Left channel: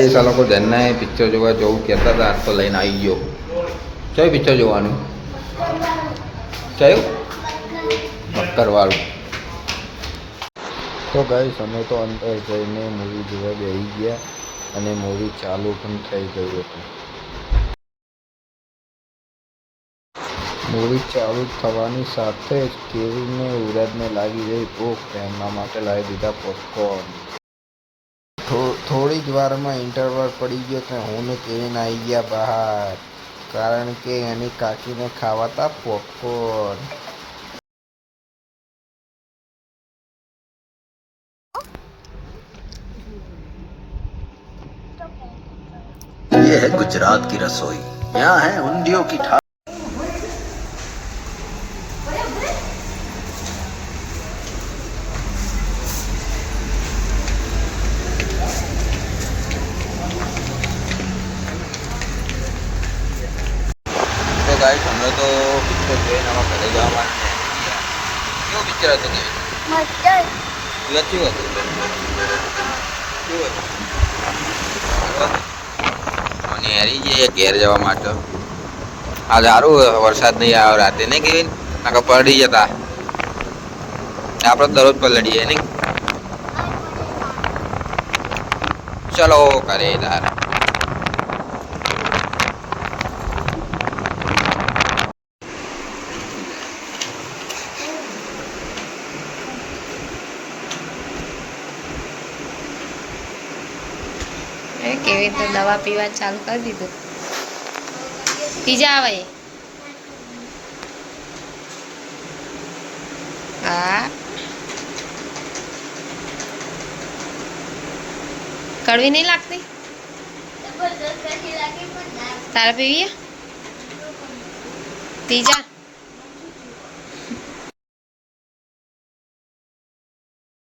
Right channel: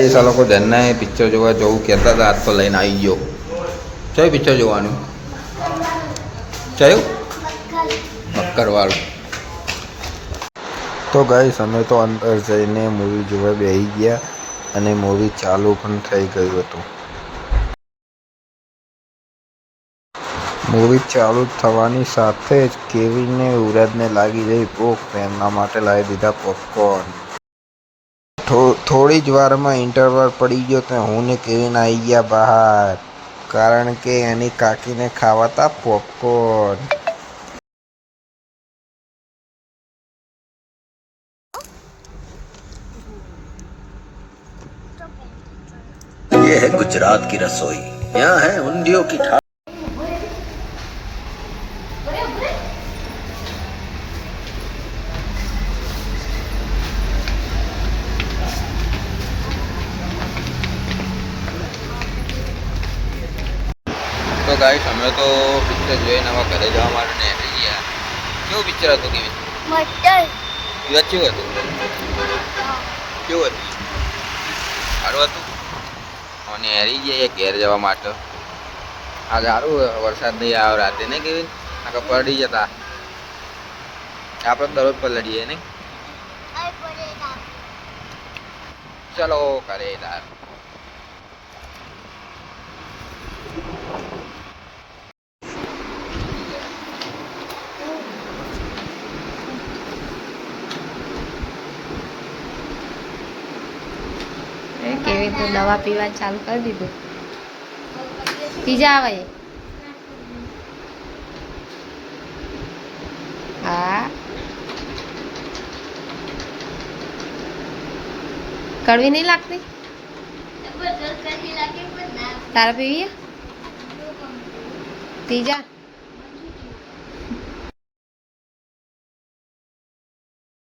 એ સાલો લોકો જન્ના પિક્ચર જોવા જવું કહેતા હતા, આજ તો લઈને આવી ગયો. કયું પિક્ચર જોવાનું? કયું? બક્કરવાળું. તો ગાઈસ અમે તો અંદર જઈને મૂવી જોવા બેસી ગયા અને મૂવી ચાલુ પણ થઈ ગયું હતું. મૂવી ચાલુ થવાની સાથે જ કેરીને યુવરાજને લાગી ગઈ ભૂખ. એમના માટે લાવી દીધા પોપકોર્ન. થોડી જ વારમાં ઇન્ટરવલ પડી ગયો તો હું ને કેવિન આવી ગયા બહાર, કારણ કે એની કાકીને ખાવા હતા પોપકોર્ન. ये है गुजरात की रसोई, यहाँ है उंडियों की ठाकुर. તો ગાઈસ અમે તો પિક્ચર જોઈને હવે ઘરે જવા માટે નીકળી ગયા. કેવું પિક્ચર હતું કેવી? મસ્ત. કેવું હતું? કેવું હતું? અને હેરી જઈએ ઘેર જવા માટે. આ સારું વરસાદ નહીં આવે રાતે નહીં કેવી? આખા પડી જતા. આપણે દરરોજ પલડીએ નહીં. ચલો ઘરે તાર. કેવી તો દવા પીવા ચાલુ કરી દીધું. પીજા આવે. હા કડવી નહીં લાગતી? તારા પીવી? પીજા.